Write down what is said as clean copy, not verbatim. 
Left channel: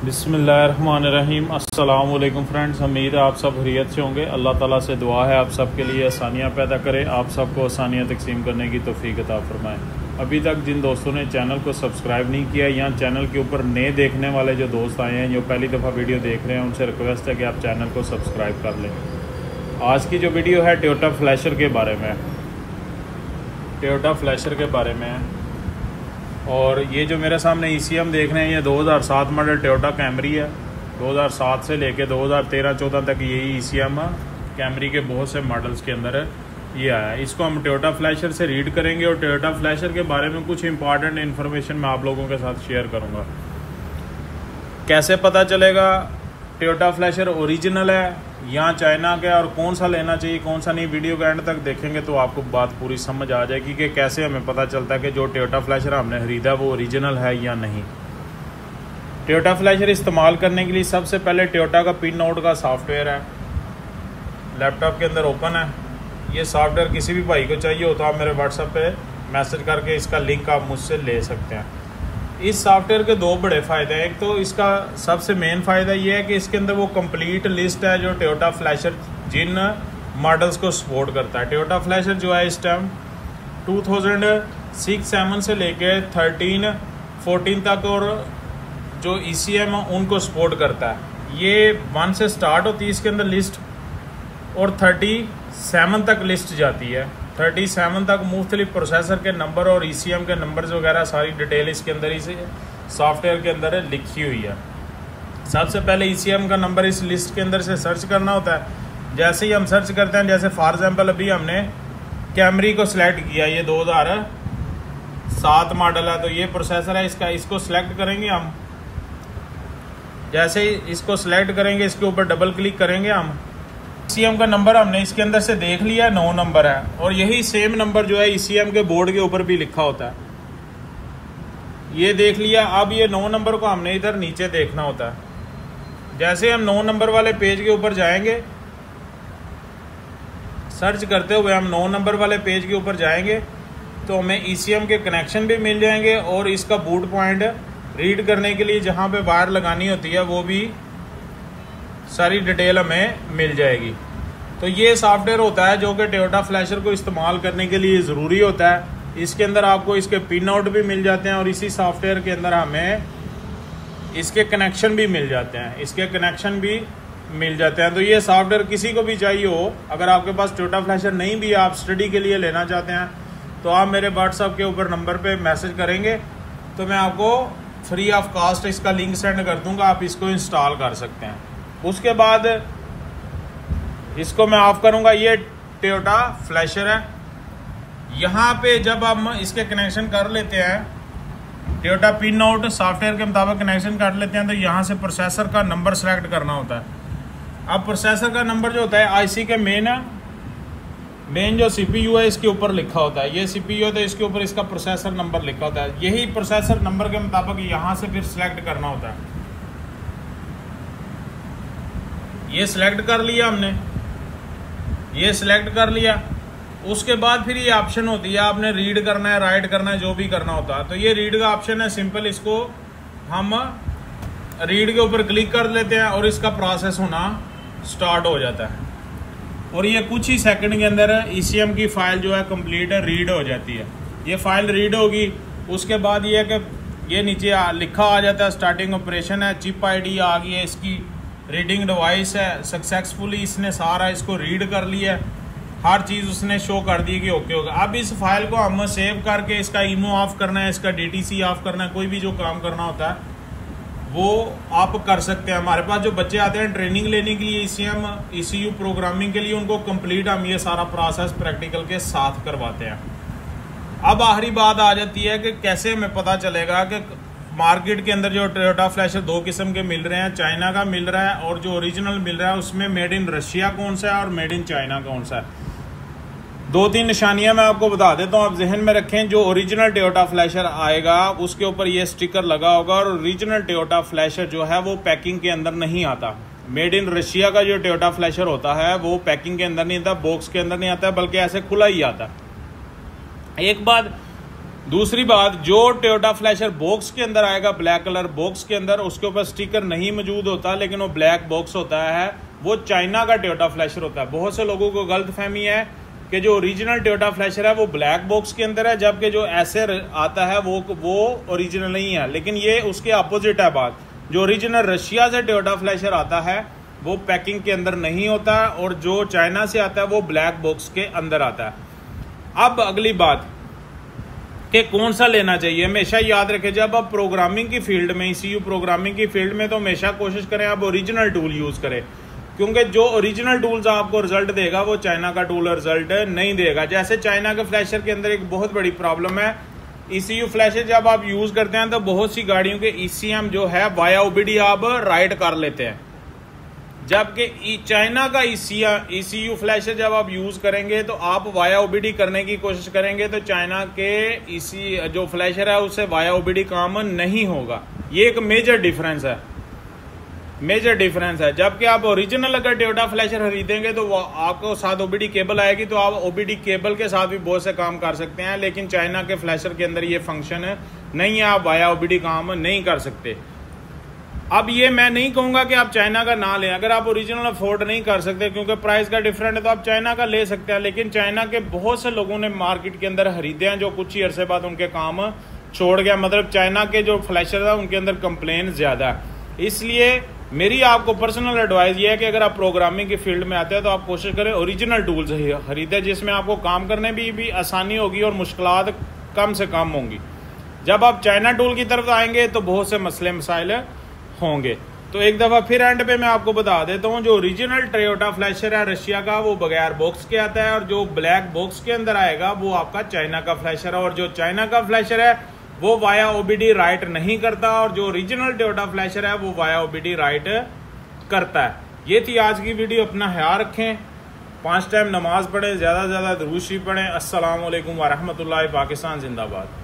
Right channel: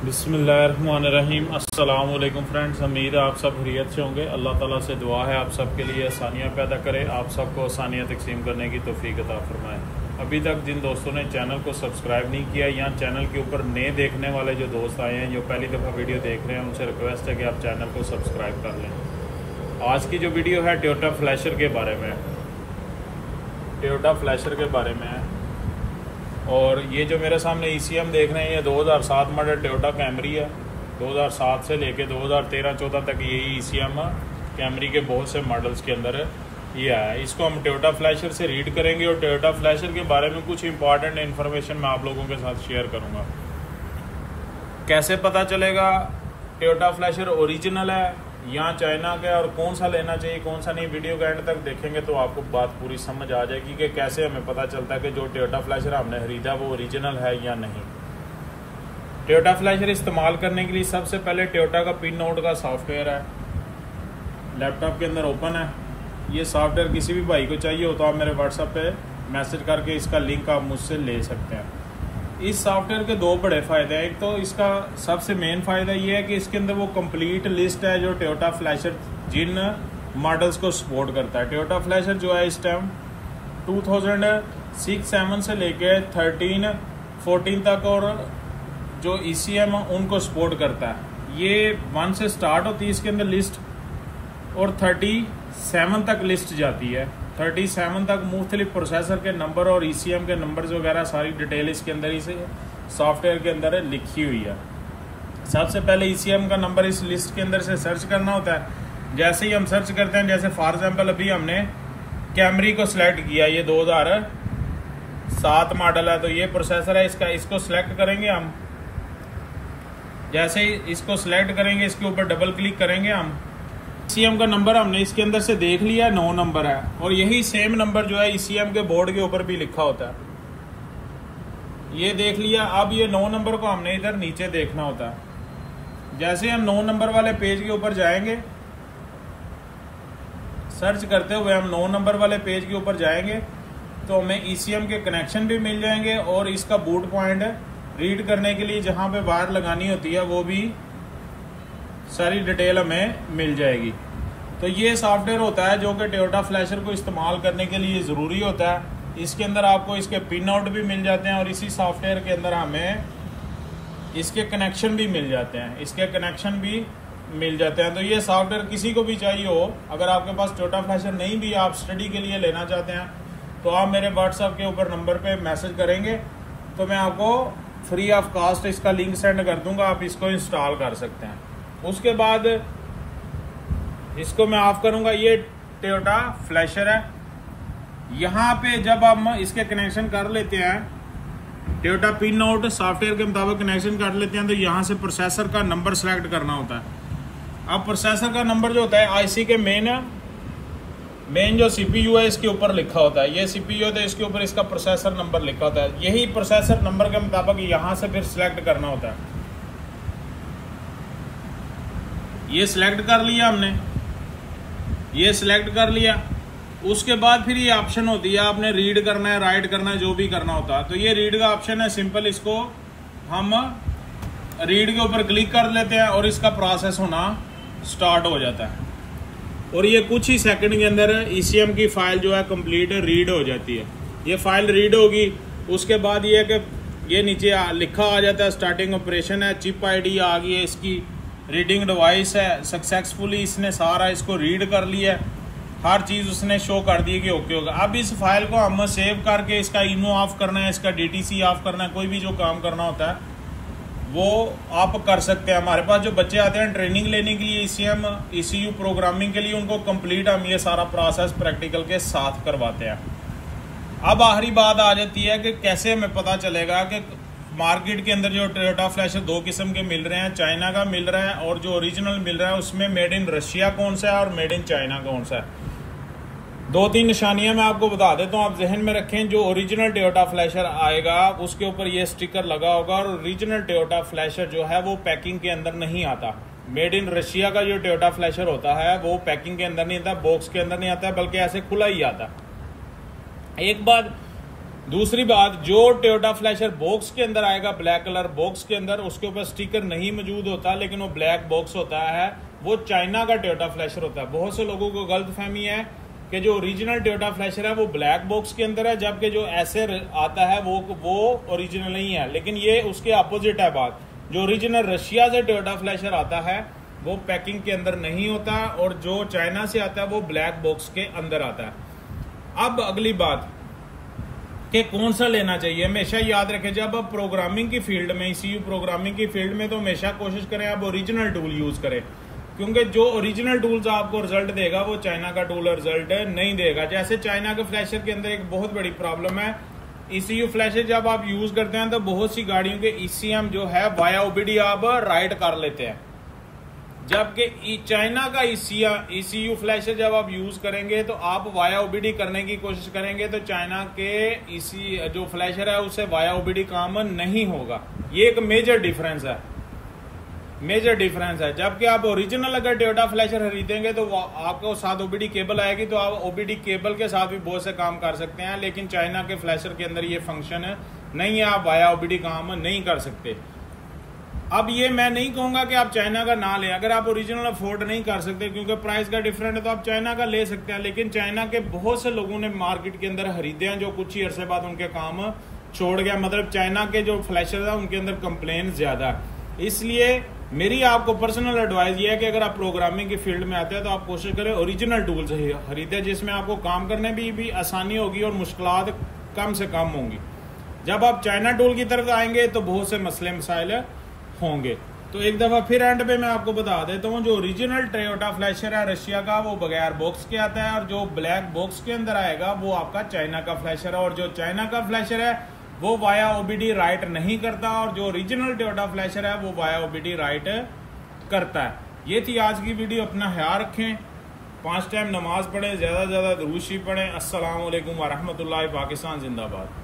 बिस्मिल्लाहिर्रहमानिर्रहीम। अस्सलाम वालेकुम फ्रेंड्स, उम्मीद है आप सब खैरियत से होंगे। अल्लाह ताला से दुआ है आप सब के लिए आसानियाँ पैदा करे, आप सबको आसानियाँ तकसीम करने की तौफीक अता फरमाए। अभी तक जिन दोस्तों ने चैनल को सब्सक्राइब नहीं किया या चैनल के ऊपर नए देखने वाले जो दोस्त आए हैं, जो पहली दफ़ा वीडियो देख रहे हैं, उनसे रिक्वेस्ट है कि आप चैनल को सब्सक्राइब कर लें। आज की जो वीडियो है टोयोटा फ्लैशर के बारे में, टोयोटा फ्लैशर के बारे में है। और ये जो मेरे सामने ECM देख रहे हैं, ये 2007 मॉडल टोयोटा कैमरी है। 2007 से लेके 2013-14 तक यही ECM कैमरी के बहुत से मॉडल्स के अंदर ये आया है। इसको हम टोयोटा फ्लैशर से रीड करेंगे और टोयोटा फ्लैशर के बारे में कुछ इंपॉर्टेंट इन्फॉर्मेशन मैं आप लोगों के साथ शेयर करूँगा। कैसे पता चलेगा टोयोटा फ्लैशर ओरिजिनल है या चाइना का, और कौन सा लेना चाहिए कौन सा नहीं, वीडियो के एंड तक देखेंगे तो आपको बात पूरी समझ आ जाएगी कि कैसे हमें पता चलता है कि जो टोयोटा फ्लैशर हमने खरीदा वो ओरिजिनल है या नहीं। टोयोटा फ्लैशर इस्तेमाल करने के लिए सबसे पहले टोयोटा का पिन नोट का सॉफ्टवेयर है, लैपटॉप के अंदर ओपन है। ये सॉफ्टवेयर किसी भी भाई को चाहिए हो तो आप मेरे व्हाट्सएप पे मैसेज करके इसका लिंक आप मुझसे ले सकते हैं। इस सॉफ्टवेयर के दो बड़े फ़ायदे हैं। एक तो इसका सबसे मेन फ़ायदा ये है कि इसके अंदर वो कंप्लीट लिस्ट है जो टोयोटा फ्लैशर जिन मॉडल्स को सपोर्ट करता है। टोयोटा फ्लैशर जो है इस टाइम 2006-07 से लेके 13-14 तक और जो ECM उनको सपोर्ट करता है। ये 1 से स्टार्ट होती है इसके अंदर लिस्ट और 37 तक लिस्ट जाती है। 37 तक मुख्तलिफ प्रोसेसर के नंबर और ECM के नंबर्स वगैरह सारी डिटेल इसके अंदर इस सॉफ्टवेयर के अंदर लिखी हुई है। सबसे पहले ECM का नंबर इस लिस्ट के अंदर से सर्च करना होता है। जैसे ही हम सर्च करते हैं, जैसे फॉर एग्जांपल अभी हमने कैमरी को सिलेक्ट किया, ये 2007 मॉडल है, तो ये प्रोसेसर है इसका, इसको सिलेक्ट करेंगे हम। जैसे ही इसको सिलेक्ट करेंगे, इसके ऊपर डबल क्लिक करेंगे हम। ECM का नंबर हमने इसके अंदर से देख लिया, 9 नंबर है, और यही सेम नंबर जो है ECM के बोर्ड के ऊपर भी लिखा होता है। ये देख लिया। अब ये 9 नंबर को हमने इधर नीचे देखना होता है। जैसे हम 9 नंबर वाले पेज के ऊपर जाएंगे, सर्च करते हुए हम 9 नंबर वाले पेज के ऊपर जाएंगे तो हमें ECM के कनेक्शन भी मिल जाएंगे और इसका बूट पॉइंट रीड करने के लिए जहाँ पे वायर लगानी होती है वो भी सारी डिटेल हमें मिल जाएगी। तो ये सॉफ्टवेयर होता है जो कि टोयोटा फ्लैशर को इस्तेमाल करने के लिए ज़रूरी होता है। इसके अंदर आपको इसके पिन आउट भी मिल जाते हैं और इसी सॉफ्टवेयर के अंदर हमें इसके कनेक्शन भी मिल जाते हैं। तो ये सॉफ्टवेयर किसी को भी चाहिए हो, अगर आपके पास टोयोटा फ्लैशर नहीं भी आप स्टडी के लिए लेना चाहते हैं तो आप मेरे व्हाट्सएप के ऊपर नंबर पे मैसेज करेंगे तो मैं आपको फ्री ऑफ कॉस्ट इसका लिंक सेंड कर दूंगा, आप इसको इंस्टॉल कर सकते हैं। उसके बाद इसको मैं ऑफ करूंगा। ये टोयोटा फ्लैशर है। यहाँ पे जब हम इसके कनेक्शन कर लेते हैं, टोयोटा पिन नोट सॉफ्टवेयर के मुताबिक कनेक्शन कर लेते हैं, तो यहाँ से प्रोसेसर का नंबर सेलेक्ट करना होता है। अब प्रोसेसर का नंबर जो होता है IC के मेन जो CPU है इसके ऊपर लिखा होता है। ये CPU है तो इसके ऊपर इसका प्रोसेसर नंबर लिखा होता है। यही प्रोसेसर नंबर के मुताबिक यहाँ से फिर सिलेक्ट करना होता है। ये सिलेक्ट कर लिया हमने, ये सिलेक्ट कर लिया। उसके बाद फिर ये ऑप्शन होती है, आपने रीड करना है, राइट करना है, जो भी करना होता है। तो ये रीड का ऑप्शन है, सिंपल इसको हम रीड के ऊपर क्लिक कर लेते हैं और इसका प्रोसेस होना स्टार्ट हो जाता है और ये कुछ ही सेकंड के अंदर ECM की फाइल जो है कंप्लीट रीड हो जाती है। ये फाइल रीड होगी, उसके बाद ये है कि ये नीचे लिखा आ जाता है स्टार्टिंग ऑपरेशन है, चिप ID आ गई है, इसकी रीडिंग डिवाइस है, सक्सेसफुली इसने सारा इसको रीड कर लिया, हर चीज़ उसने शो कर दी कि ओके होगा। अब इस फाइल को हम सेव करके इसका इनो ऑफ करना है, इसका DTC ऑफ करना है, कोई भी जो काम करना होता है वो आप कर सकते हैं। हमारे पास जो बच्चे आते हैं ट्रेनिंग लेने के लिए ECM ECU प्रोग्रामिंग के लिए, उनको कंप्लीट हम ये सारा प्रोसेस प्रैक्टिकल के साथ करवाते हैं। अब आखिरी बात आ जाती है कि कैसे हमें पता चलेगा कि मार्केट के अंदर जो टोयोटा फ्लैशर 2 किस्म के मिल रहे हैं, चाइना का मिल रहा है और जो ओरिजिनल मिल रहा है उसमें मेड इन रशिया कौन सा है और मेड इन चाइना कौन सा है। 2-3 निशानियां मैं आपको बता देता हूं, आप जहन में रखें। जो ओरिजिनल टोयोटा फ्लैशर आएगा उसके ऊपर ये स्टिकर लगा होगा और ओरिजिनल टोयोटा फ्लैशर जो है वो पैकिंग के अंदर नहीं आता। मेड इन रशिया का जो टोयोटा फ्लैशर होता है वो पैकिंग के अंदर नहीं आता, बॉक्स के अंदर नहीं आता, बल्कि ऐसे खुला ही आता। एक बात दूसरी बात, जो टोयोटा फ्लैशर बॉक्स के अंदर आएगा ब्लैक कलर बॉक्स के अंदर, उसके ऊपर स्टिकर नहीं मौजूद होता लेकिन वो ब्लैक बॉक्स होता है, वो चाइना का टोयोटा फ्लैशर होता है। बहुत से लोगों को गलत फहमी है कि जो ओरिजिनल टोयोटा फ्लैशर है वो ब्लैक बॉक्स के अंदर है, जबकि जो ऐसे आता है वो ओरिजिनल नहीं है। लेकिन ये उसके अपोजिट है बात। जो ओरिजिनल रशिया से टोयोटा फ्लैशर आता है वो पैकिंग के अंदर नहीं होता है, और जो चाइना से आता है वो ब्लैक बॉक्स के अंदर आता है। अब अगली बात कि कौन सा लेना चाहिए, हमेशा याद रखें जब आप प्रोग्रामिंग की फील्ड में, ECU प्रोग्रामिंग की फील्ड में, तो हमेशा कोशिश करें आप ओरिजिनल टूल यूज करें, क्योंकि जो ओरिजिनल टूल्स आपको रिजल्ट देगा वो चाइना का टूल रिजल्ट नहीं देगा। जैसे चाइना के फ्लैशर के अंदर एक बहुत बड़ी प्रॉब्लम है, ECU फ्लैशर जब आप यूज करते हैं तो बहुत सी गाड़ियों के ECM जो है वाया OBD आप राइट कर लेते हैं, जबकि चाइना का ECU फ्लैशर जब आप यूज करेंगे तो आप वाया OBD करने की कोशिश करेंगे तो चाइना के जो फ्लैशर है उससे वाया OBD काम नहीं होगा। ये एक मेजर डिफरेंस है। जबकि आप ओरिजिनल अगर टोयोटा फ्लैशर खरीदेंगे तो वो आपको साथ OBD केबल आएगी, तो आप OBD केबल के साथ भी बहुत से काम कर सकते हैं, लेकिन चाइना के फ्लैशर के अंदर ये फंक्शन नहीं है, आप वाया OBD काम नहीं कर सकते। अब ये मैं नहीं कहूंगा कि आप चाइना का ना लें, अगर आप ओरिजिनल अफोर्ड नहीं कर सकते क्योंकि प्राइस का डिफरेंट है तो आप चाइना का ले सकते हैं, लेकिन चाइना के बहुत से लोगों ने मार्केट के अंदर खरीदे हैं जो कुछ ही अरसे बाद उनके काम छोड़ गया। मतलब चाइना के जो फ्लैशर है उनके अंदर कंप्लेन ज्यादा है। इसलिए मेरी आपको पर्सनल एडवाइस ये है कि अगर आप प्रोग्रामिंग की फील्ड में आते हैं तो आप कोशिश करें ओरिजिनल टूल्स खरीदें, जिसमें आपको काम करने भी आसानी होगी और मुश्किलात कम से कम होंगी। जब आप चाइना टूल की तरफ आएंगे तो बहुत से मसले मसाइल होंगे। तो एक दफा फिर एंड पे मैं आपको बता देता हूँ, जो ओरिजिनल टोयोटा फ्लैशर है रशिया का वो बगैर बॉक्स के आता है, और जो ब्लैक बॉक्स के अंदर आएगा वो आपका चाइना का फ्लैशर है, और जो चाइना का फ्लैशर है वो वाया OBD राइट नहीं करता, और जो ओरिजिनल टोयोटा फ्लैशर है वो वाया OBD राइट करता है। ये थी आज की वीडियो। अपना ख्याल रखें, 5 टाइम नमाज पढ़ें, ज्यादा से ज्यादा दुरूद शरीफ पढ़ें। अस्सलाम वालेकुम व रहमतुल्लाहि। पाकिस्तान जिंदाबाद।